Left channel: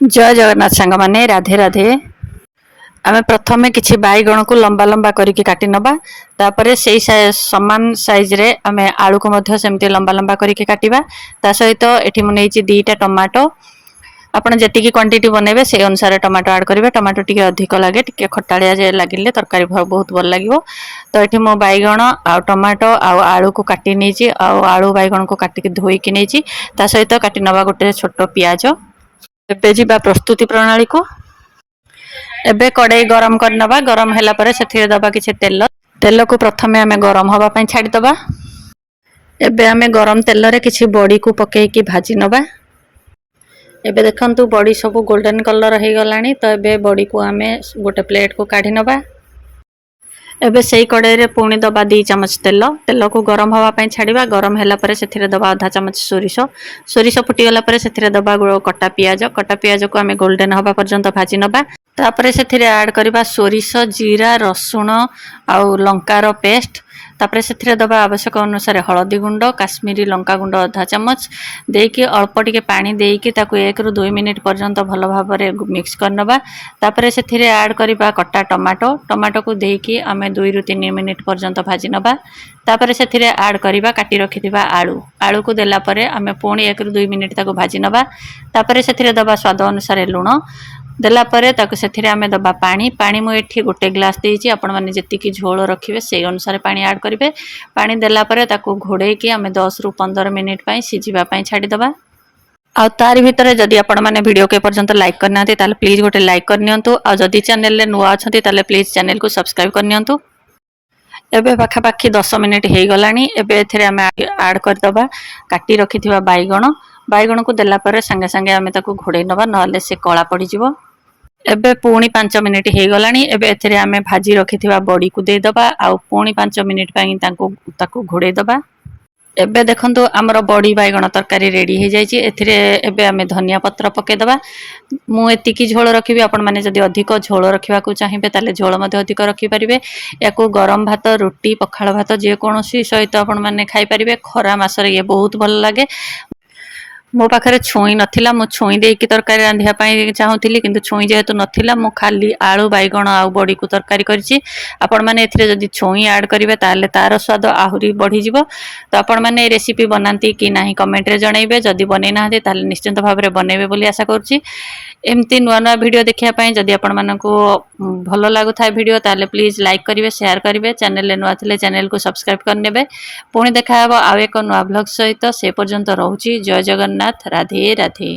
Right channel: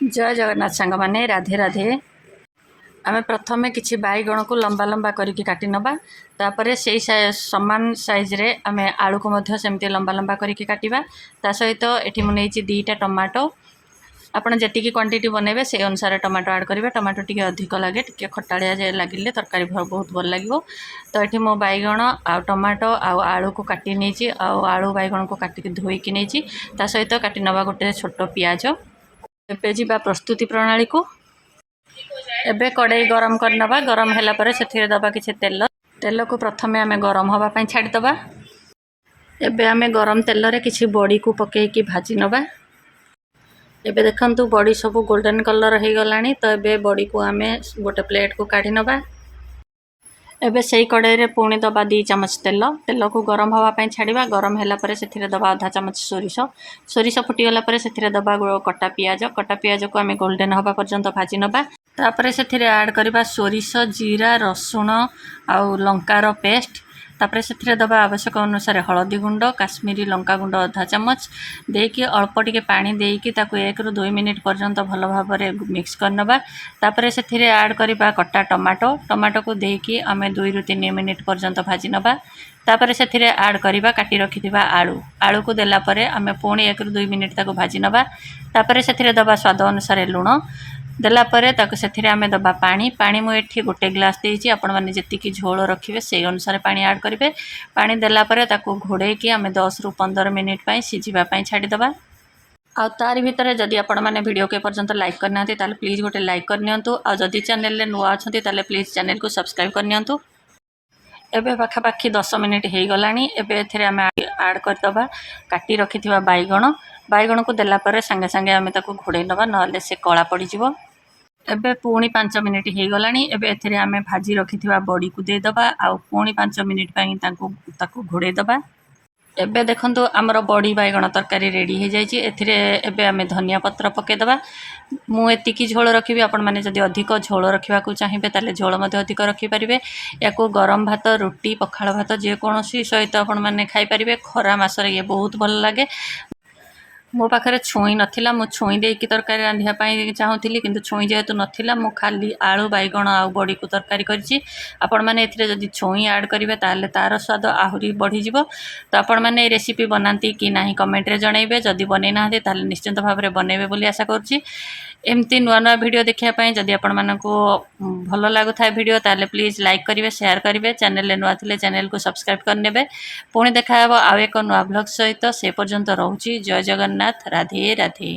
जय जगन्नाथ सांग माने राधे राधे। आमे प्रथमे किछि बैगण को लंबा लंबा करिके काटि नबा तापरे सेही समान साइज रे आमे आलू को मध्य सेमते लंबा लंबा करिके काटिबा। ता सहित एठी मु नेछि दीटा टमाटो आपण जेतिकी क्वांटिटी बनेबे से अनुसार टमाटो ऐड करिवे। टमाटो टिके अधिक लागे टिके खटाळिया जे लागिले तरकारी बहुत भल लागिवो। तो एठी मो बैगण आ टमाटो आ आलू को काटि नेछि आ आलू बैगण को काटि के धोई के नेछि। ता सहित काटि नबा गोटे छोटो प्याज। एबे जिबा प्रस्तुति प्रणाली को एबे कड़ाई गरम करनबा। गरम हैला परे सेथिरे दबा किछि तेल। तेल को प्रथमे आमे गरम हवा पई छाडी दबा। एबे आमे गरम तेल रे किछि बड़ी को पकेई की भाजी नबा। एबे देखंतु बड़ी सब गोल्डन कलर हे गलानी। तो एबे बड़ी को आमे गोटे प्लेट को काढी नबा। एबे सेही कड़ाई रे पुणी दबा 2 चमच तेल। तेल को गरम हवा पई छाडीबा। गरम हैला परे सेथिरे दबा आधा चमच सोरिष। सोरिष फुटी गला परे सेथिरे दबा कटा पियाज। कटा पियाज को आमे गोल्डन हवा पर्यंत भाजी नबा। तापरे सेथिरे ऐड करबा सोरिष जीरा रसुण आ लंकार पेस्ट। तापरे सेथिरे दबा आवश्यक अनुसार हळदी गुंड काश्मीरी लंका गुंड आधा चमच देकी अल्प टिके पानी देकी ताकू 1 ରୁ 2 मिनिट पर्यंत भल भाबरे मिक्स करनबा। तापरे सेथिरे ऐड करबा कटा टमाटो। टमाटो को देकी आमे 2 ରୁ 3 मिनिट पर्यंत भाजी नबा। तापरे सेथिरे ऐड करबा काटी रखिथिबा आलू। आलू को देला परे आमे पुणी 1 ରୁ 2 मिनिट ताकू भाजी नबा। तापरे सेथिरे दबा स्वाद अनुसार लूण देला परे ताकू सेथिरे आमे दबा पानी। पानी मु एठी गोटे ग्लास देइची। आपण माने जेतिकी झोल रखिबे सेही अनुसार पानी ऐड करिवे। पानी देला परे ताकू घोड़े की आमे 10 ରୁ 15 मिनिट पई सिजिबा पई छाडी दबा। आ तारि भितरे जदि आपण माने वीडियो के पर्यंत लाइक करनाते ताले प्लीज गोटे लाइक करनियंतु। आ जदि चैनल ले नुवा अछंती ताले प्लीज चैनल को सब्सक्राइब करनियंतु। एबे पाखा पाखी 10 मिनिट हे गलानी। एबे एथिरे आमे ऐड कर दबा काटी रखिथिबा बैगण। बैगण को देला परे संगे संगे आमे ताकू घोड़े नबा नले से कळा पड़ी जिवो। एबे पुणी 5 मिनिट हे गलानी। एबे एथिरे आमे भाजी रखिथिबा बड़ी को दे दबा आ पुणी 5 मिनिट पई ताकू घोड़े दबा। एबे देखंतु हमर बड़ी बैगण तरकारी रेडी हे जायछि। एथिरे एबे आमे धनिया पत्र पके दबा। मु एतिकी झोल रखिबी। आपण माने जदि अधिक झोल रखिबा को चाहिबे ताले झोल मध्ये अधिक रखि परिबे। याको गरम भात रोटी पखाळ भात जे कोनोसी सहित आपण माने खाइ परिबे। खरा मासरे ये बहुत भल लागे। मो पाखरे छुई नथिला मु छुई देकी तरकारी रांधिया पई चाहुथिली किंतु छुई जेहेतु नथिला मु खाली आलू बैगण आ बड़ी को तरकारी करछि। आपण माने एथिरे जदि छुई ऐड करिवे ताले तार स्वाद आहुरी बढ़ी जिवो। तो आपण माने ए रेसिपी बनांती कि नाही कमेंट रे जणाइबे। जदि बनै नाहते ताले निश्चित भाबरे बनेबे बोली आशा करछि। एमती नुआ नुआ वीडियो देखिया पई जदि आपण मानको भलो लागु थाय वीडियो ताले प्लीज लाइक करिवे शेयर करिवे। चैनल ले नुआ थिले चैनल को सब्सक्राइब करनेबे। पुणी देखा हेबो आउ एक नुआ ब्लॉग सहित। से पर्यंत रहउछि। जय जगन्नाथ राधे राधे।